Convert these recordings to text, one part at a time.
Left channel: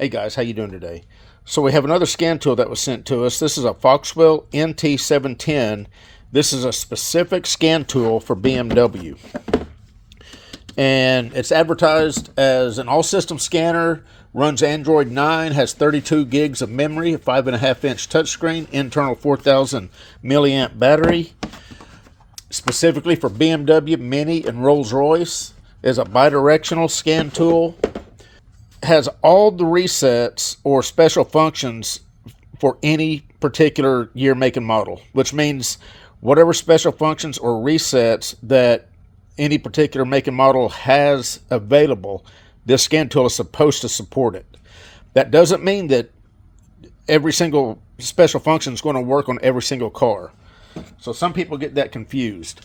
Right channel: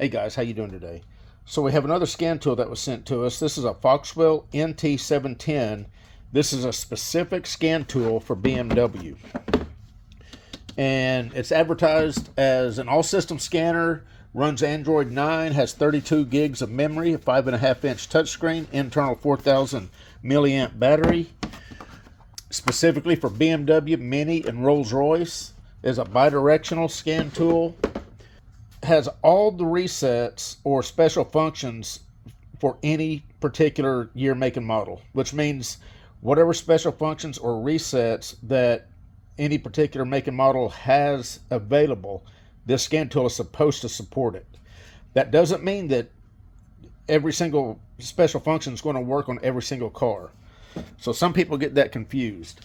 Hey guys, how you doing today? So we have another scan tool that was sent to us. This is a Foxwell NT710. This is a specific scan tool for BMW. And it's advertised as an all-system scanner, runs Android 9, has 32 gigs of memory, a 5.5-inch touchscreen, internal 4,000 milliamp battery. Specifically for BMW, Mini, and Rolls-Royce. Is a bidirectional scan tool. Has all the resets or special functions for any particular year, make, and model, which means whatever special functions or resets that any particular make and model has available, this scan tool is supposed to support it. That doesn't mean that every single special function is going to work on every single car. So some people get that confused.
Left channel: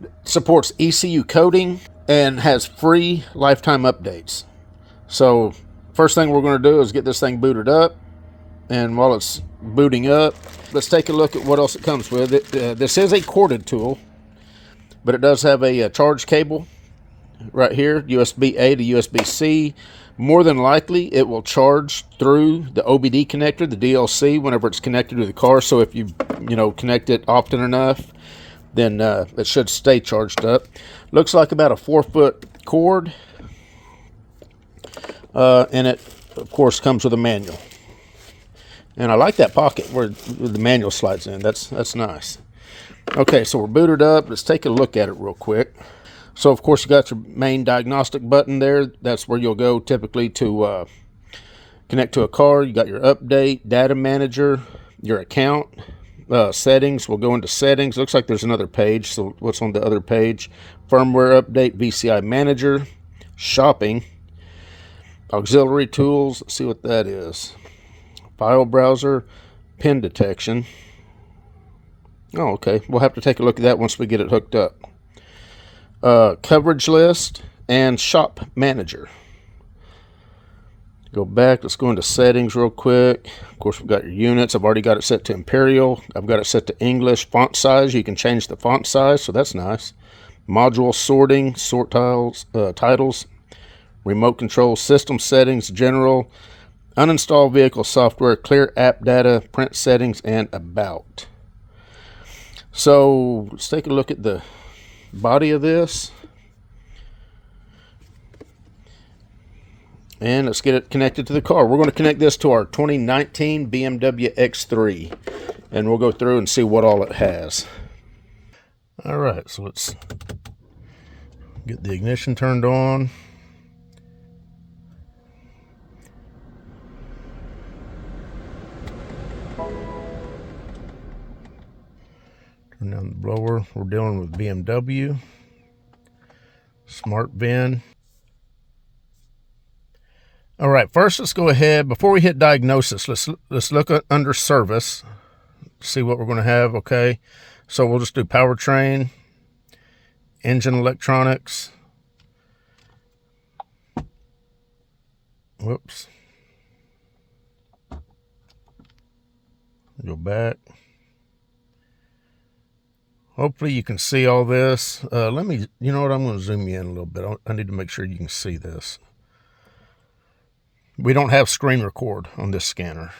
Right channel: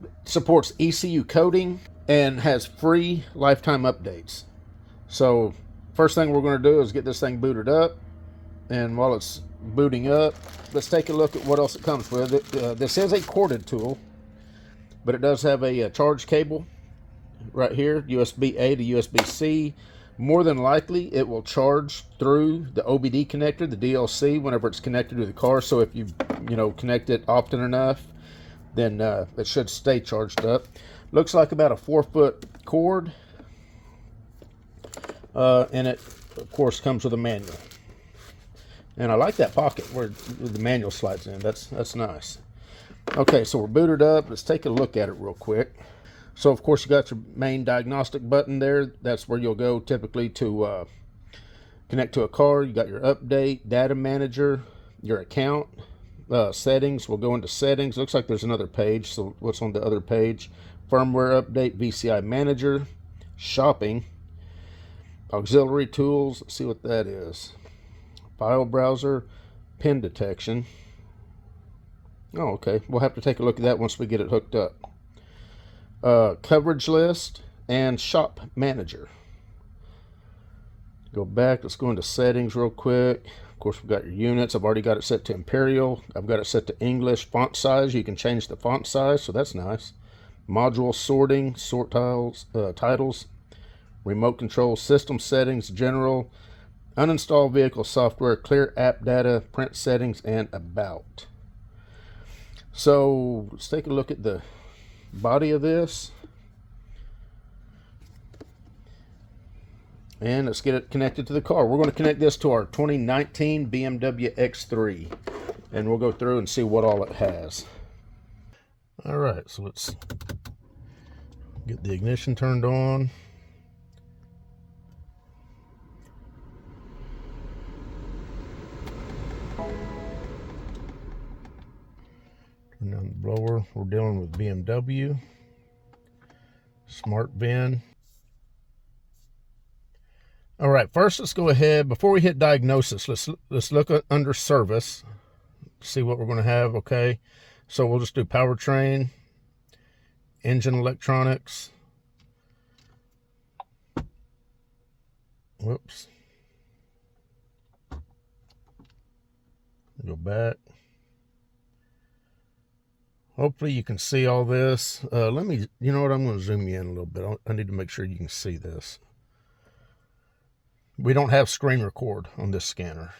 It supports ECU coding and has free lifetime updates. So first thing we're going to do is get this thing booted up, and while it's booting up, let's take a look at what else it comes with. This is a corded tool, but it does have a charge cable right here, USB-A to USB-C. More than likely it will charge through the OBD connector, the DLC, whenever it's connected to the car. So if you connect it often enough, then it should stay charged up. Looks like about a 4-foot cord. And it, of course, comes with a manual. And I like that pocket where the manual slides in. That's nice. Okay, so we're booted up. Let's take a look at it real quick. So, of course, you got your main diagnostic button there. That's where you'll go typically to connect to a car. You got your update, data manager, your account, settings. We'll go into settings. Looks like there's another page. So what's on the other page? Firmware update, VCI manager, shopping, auxiliary tools. Let's see what that is. File browser, pin detection. Oh, okay. We'll have to take a look at that once we get it hooked up. Coverage list and shop manager. Go back. Let's go into settings real quick. Of course, we've got your units. I've already got it set to Imperial. I've got it set to English. Font size. You can change the font size, so that's nice. Module sorting, sort tiles, titles. Remote control, system settings, general, uninstall vehicle software, clear app data, print settings, and about. So let's take a look at the body of this. And let's get it connected to the car. We're going to connect this to our 2019 BMW X3. And we'll go through and see what all it has. All right, so let's get the ignition turned on. Turn down the blower. We're dealing with BMW. Smart VIN. All right, first let's go ahead. Before we hit diagnosis, let's look at under service. See what we're going to have, okay? So we'll just do powertrain, engine electronics. Whoops. Go back. Hopefully you can see all this. Let me, you know what, I'm going to zoom you in a little bit. I need to make sure you can see this. We don't have screen record on this scanner.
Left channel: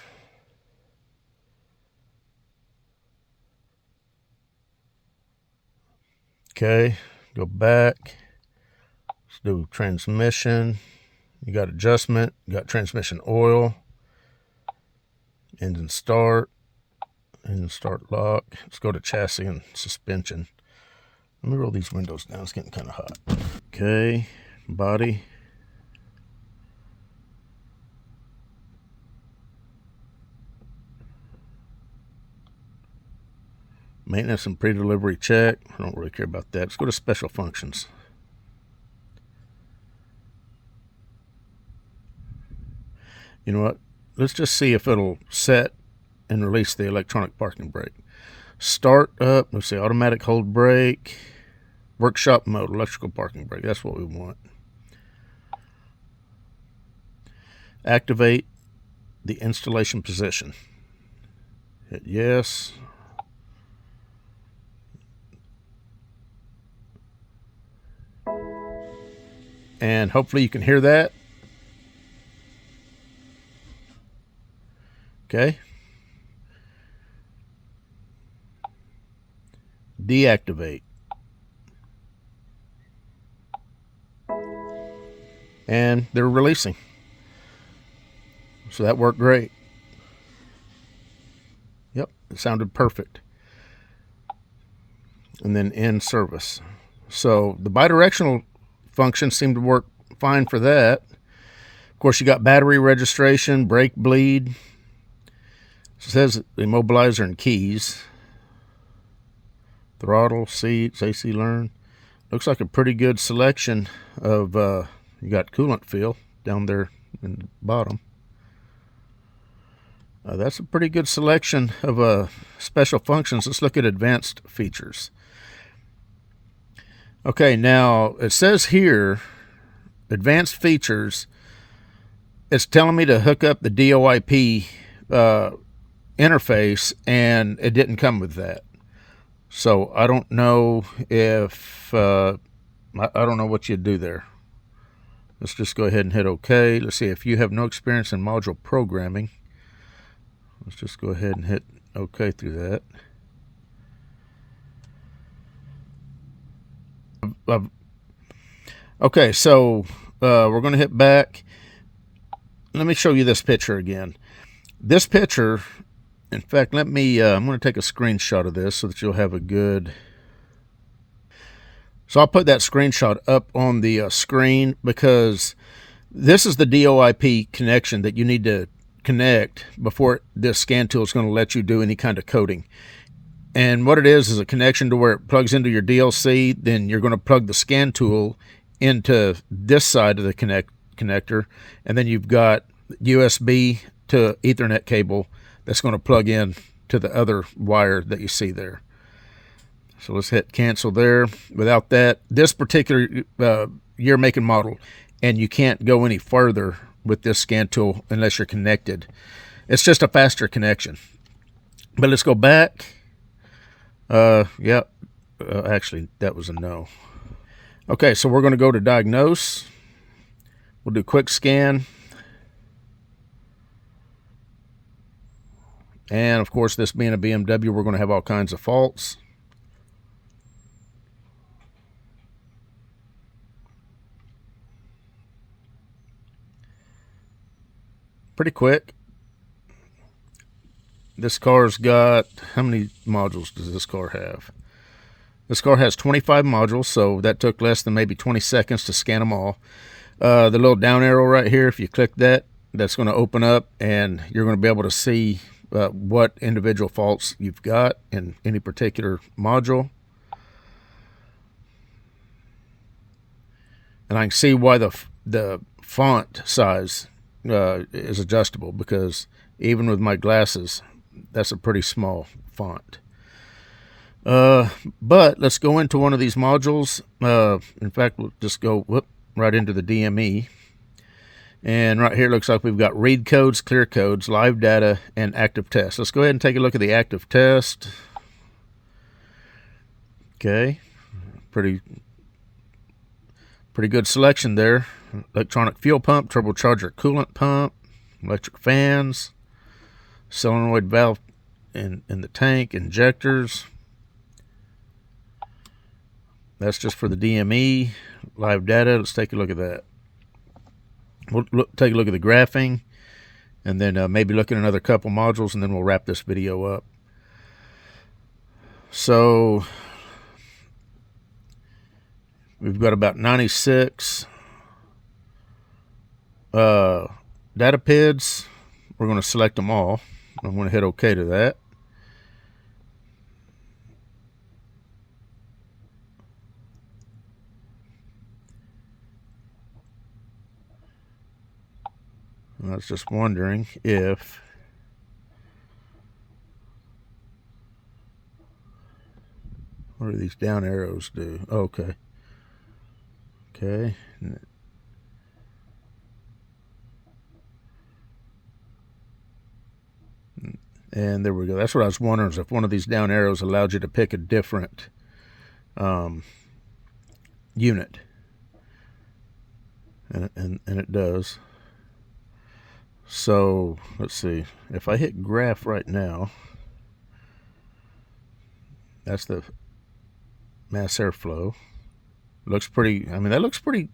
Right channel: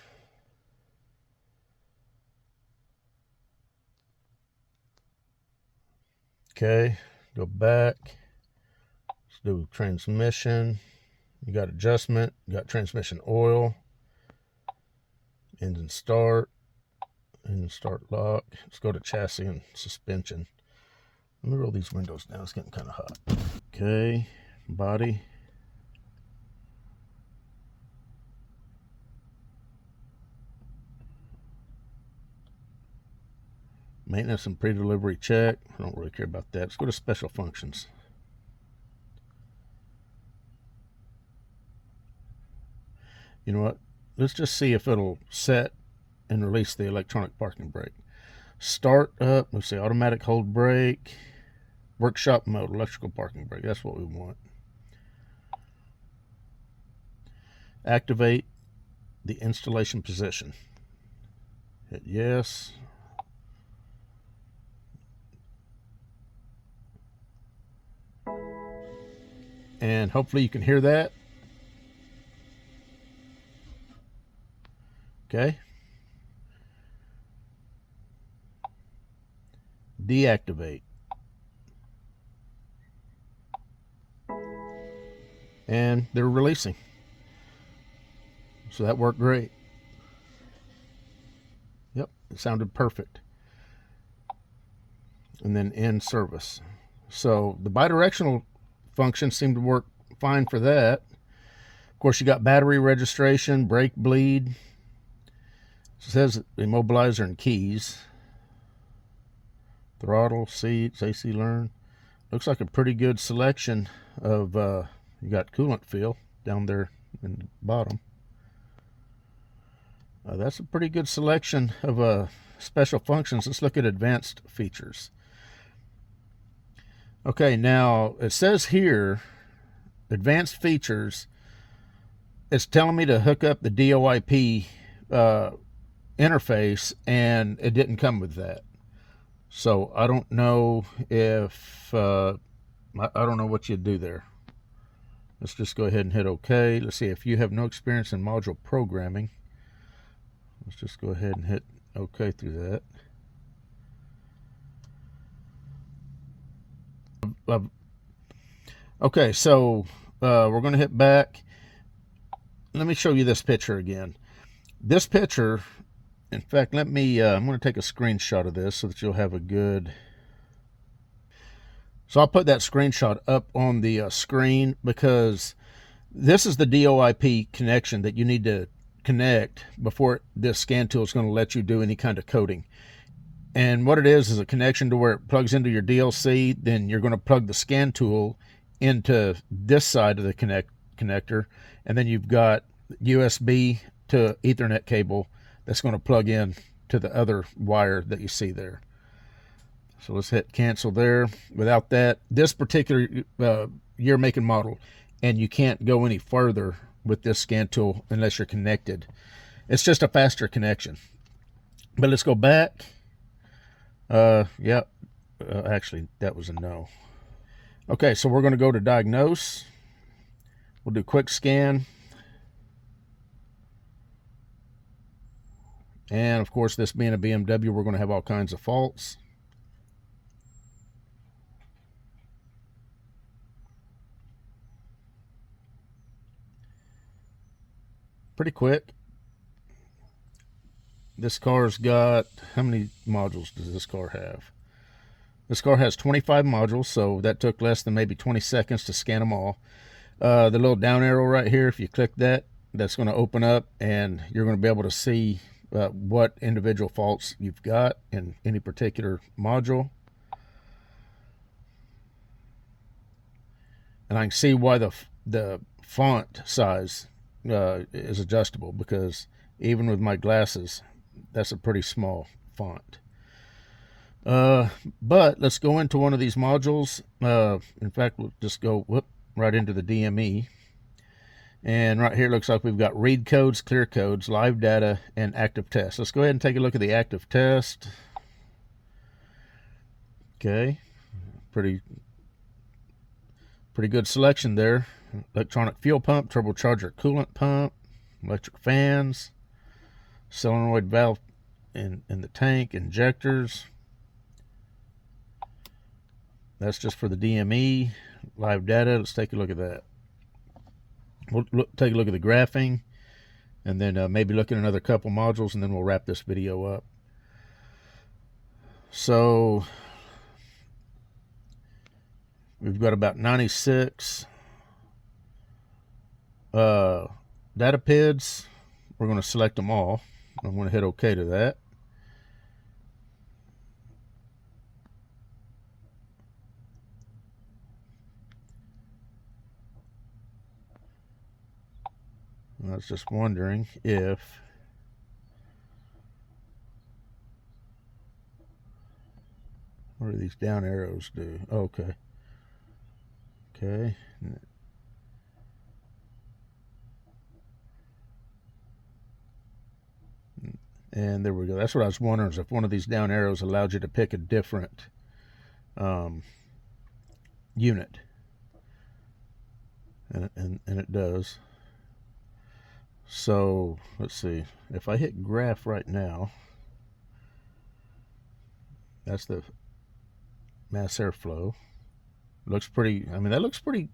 Okay, go back. Let's do transmission. You got adjustment, you got transmission oil, engine start lock. Let's go to chassis and suspension. Let me roll these windows down. It's getting kind of hot. Okay, body. Maintenance and pre-delivery check. I don't really care about that. Let's go to special functions. You know what? Let's just see if it'll set and release the electronic parking brake. Start up, let's see, automatic hold brake, workshop mode, electrical parking brake. That's what we want. Activate the installation position. Hit yes. And hopefully you can hear that. Okay. Deactivate. And they're releasing. So that worked great. Yep, it sounded perfect. And then end service. So the bidirectional function seemed to work fine for that. Of course, you got battery registration, brake bleed. It says immobilizer and keys. Throttle, seats, AC learn. Looks like a pretty good selection of, you got coolant fill down there in the bottom. That's a pretty good selection of special functions. Let's look at advanced features. Okay, now it says here, advanced features. It's telling me to hook up the DOIP interface, and it didn't come with that. So I don't know if, I don't know what you'd do there. Let's just go ahead and hit OK. Let's see, if you have no experience in module programming, let's just go ahead and hit OK through that. Okay, so we're going to hit back. Let me show you this picture again. This picture, in fact, let me, I'm going to take a screenshot of this so that you'll have a good... So I'll put that screenshot up on the screen, because this is the DOIP connection that you need to connect before this scan tool is going to let you do any kind of coding. And what it is a connection to where it plugs into your DLC. Then you're going to plug the scan tool into this side of the connector, and then you've got USB to Ethernet cable that's going to plug in to the other wire that you see there. So let's hit cancel there. Without that, this particular year, make, and model, and you can't go any further with this scan tool unless you're connected. It's just a faster connection. But let's go back. Yeah, actually, that was a no. Okay, so we're going to go to diagnose. We'll do quick scan. And of course, this being a BMW, we're going to have all kinds of faults. Pretty quick. This car's got, how many modules does this car have? This car has 25 modules, so that took less than maybe 20 seconds to scan them all. The little down arrow right here, if you click that, that's going to open up, and you're going to be able to see what individual faults you've got in any particular module. And I can see why the font size is adjustable, because even with my glasses, that's a pretty small font. But let's go into one of these modules. In fact, we'll just go right into the DME. And right here, looks like we've got read codes, clear codes, live data, and active test. Let's go ahead and take a look at the active test. Okay, pretty good selection there. Electronic fuel pump, turbocharger coolant pump, electric fans, solenoid valve in the tank, injectors. That's just for the DME. Live data, let's take a look at that. We'll take a look at the graphing, and then maybe look at another couple modules, and then we'll wrap this video up. So we've got about 96 data PIDs. We're going to select them all. I'm going to hit OK to that. I was just wondering if what do these down arrows do? Okay. Okay. And there we go. That's what I was wondering, is if one of these down arrows allowed you to pick a different unit. And it does. So let's see, if I hit graph right now, that's the mass airflow. Looks pretty, I mean, that looks pretty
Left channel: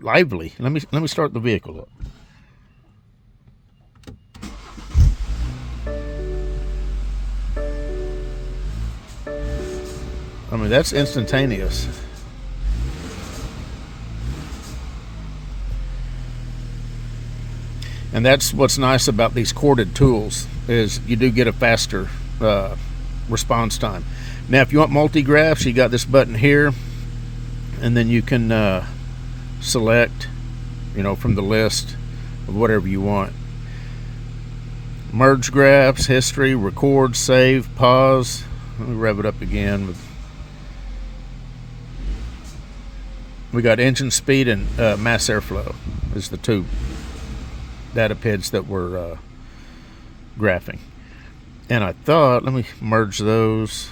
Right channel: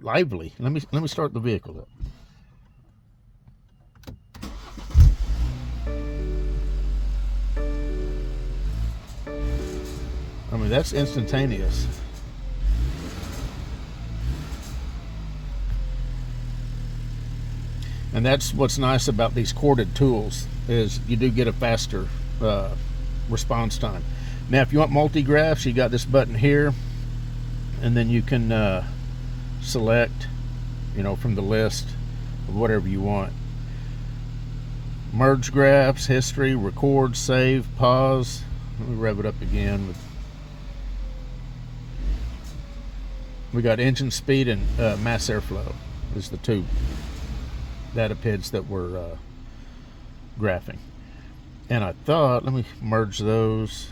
lively. Let me start the vehicle up. I mean, that's instantaneous. And that's what's nice about these corded tools, is you do get a faster response time. Now, if you want multi-graphs, you got this button here, and then you can select, you know, from the list of whatever you want. Merge graphs, history, record, save, pause. Let me rev it up again. We got engine speed and mass airflow is the two data PIDs that we're graphing. And I thought, let me merge those.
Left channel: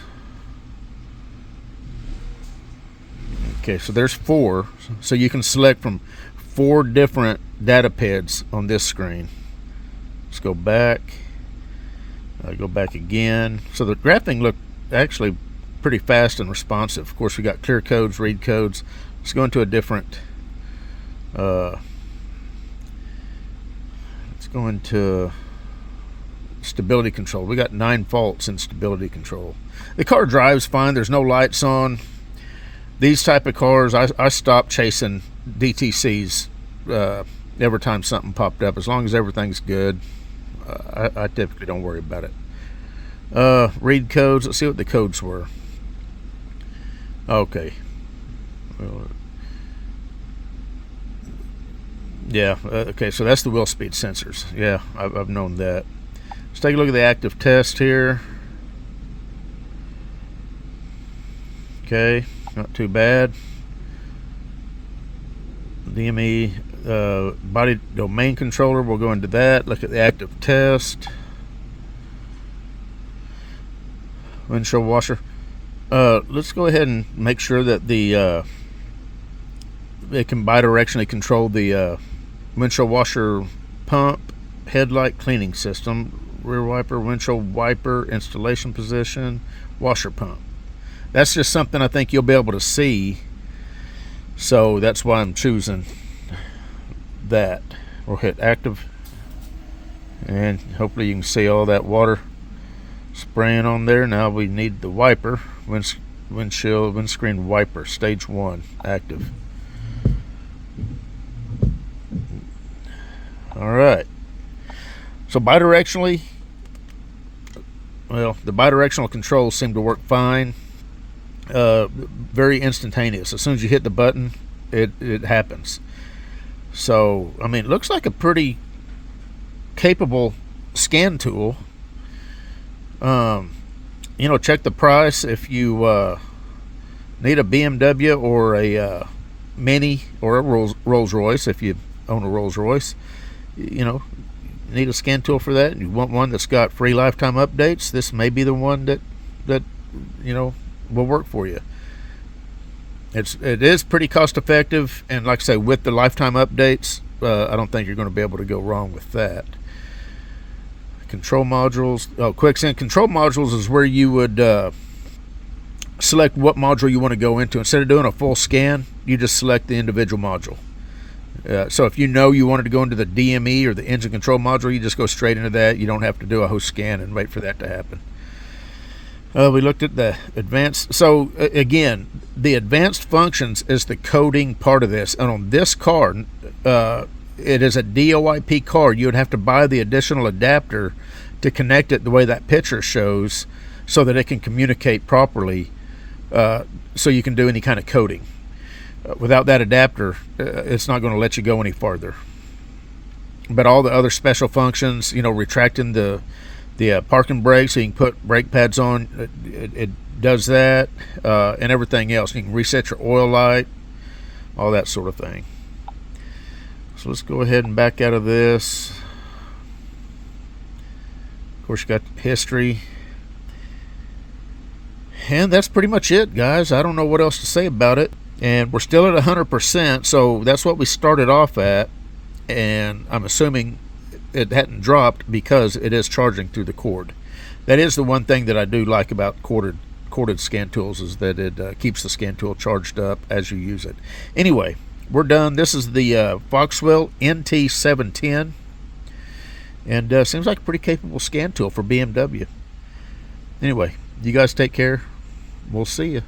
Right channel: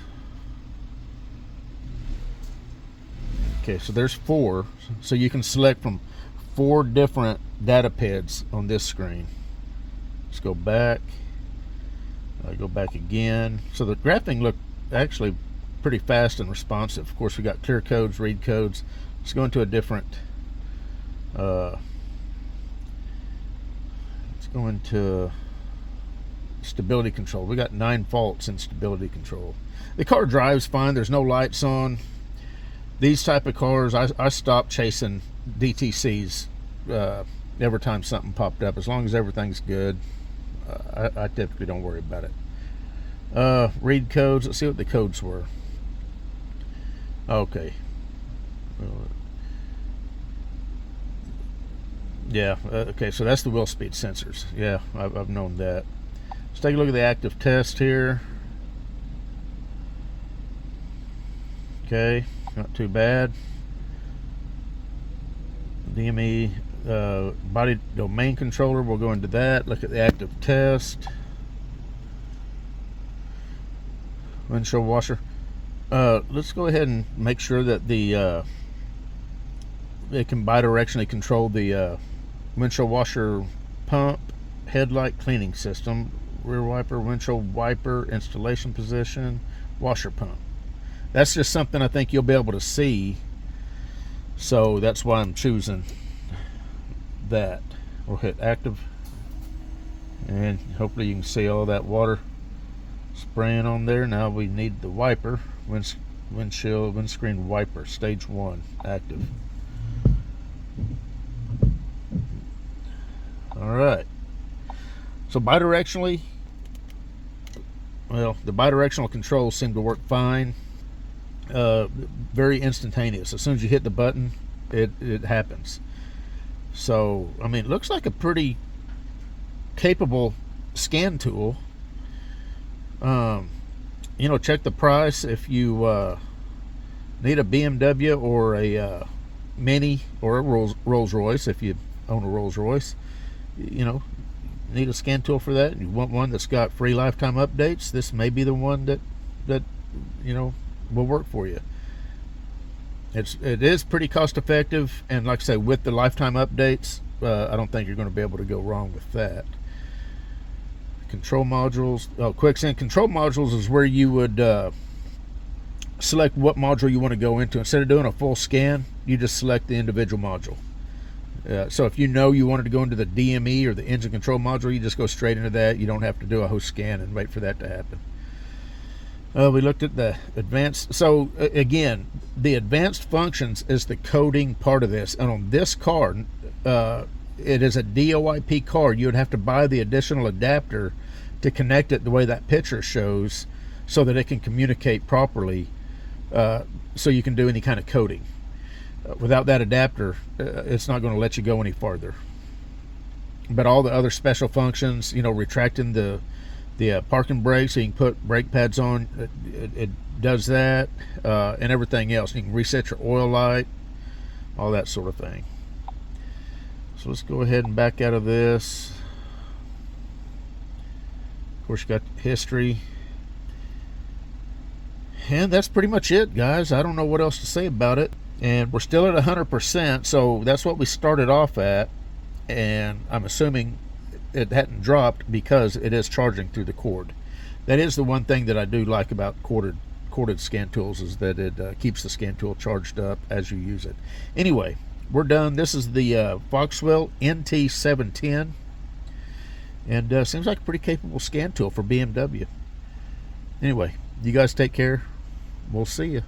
Okay, so there's 4. So you can select from 4 different data PIDs on this screen. Let's go back. Go back again. So the graphing looked actually pretty fast and responsive. Of course, we got clear codes, read codes. Let's go into a different. Let's go into stability control. We got 9 faults in stability control. The car drives fine. There's no lights on. These type of cars, I stopped chasing DTCs every time something popped up. As long as everything's good, I typically don't worry about it. Read codes. Let's see what the codes were. Okay. Yeah, okay, so that's the wheel speed sensors. Yeah, I've known that. Let's take a look at the active test here. Okay, not too bad. DME, body domain controller, we'll go into that. Look at the active test. Windshield washer. Let's go ahead and make sure that it can bidirectionally control the windshield washer pump, headlight cleaning system, rear wiper, windshield wiper, installation position, washer pump. That's just something I think you'll be able to see, so that's why I'm choosing that. We'll hit active, and hopefully you can see all that water spraying on there. Now we need the wiper, windscreen wiper, stage 1, active. All right, so bidirectionally, well, the bidirectional controls seem to work fine. Very instantaneous. As soon as you hit the button, it happens. So, I mean, it looks like a pretty capable scan tool. You know, check the price. If you need a BMW or a Mini or a Rolls-Royce, if you own a Rolls-Royce, you know, need a scan tool for that, and you want one that's got free lifetime updates, this may be the one that you know, will work for you. It is pretty cost effective, and like I say, with the lifetime updates, I don't think you're going to be able to go wrong with that. Control modules. Quicksand control modules is where you would select what module you want to go into. Instead of doing a full scan, you just select the individual module. So if you know you wanted to go into the DME or the engine control module, you just go straight into that. You don't have to do a host scan and wait for that to happen. We looked at the advanced. So again, the advanced functions is the coding part of this. And on this car, it is a DOIP car. You would have to buy the additional adapter to connect it the way that picture shows, so that it can communicate properly, so you can do any kind of coding. Without that adapter, it's not going to let you go any farther. But all the other special functions, you know, retracting the parking brake so you can put brake pads on, it does that, and everything else. You can reset your oil light, all that sort of thing. So let's go ahead and back out of this. Of course, you got history. And that's pretty much it, guys. I don't know what else to say about it. And we're still at 100%, so that's what we started off at. And I'm assuming it hadn't dropped because it is charging through the cord. That is the one thing that I do like about corded scan tools, is that it keeps the scan tool charged up as you use it. Anyway, we're done. This is the Foxwell NT710, and seems like a pretty capable scan tool for BMW. Anyway, you guys take care. We'll see you.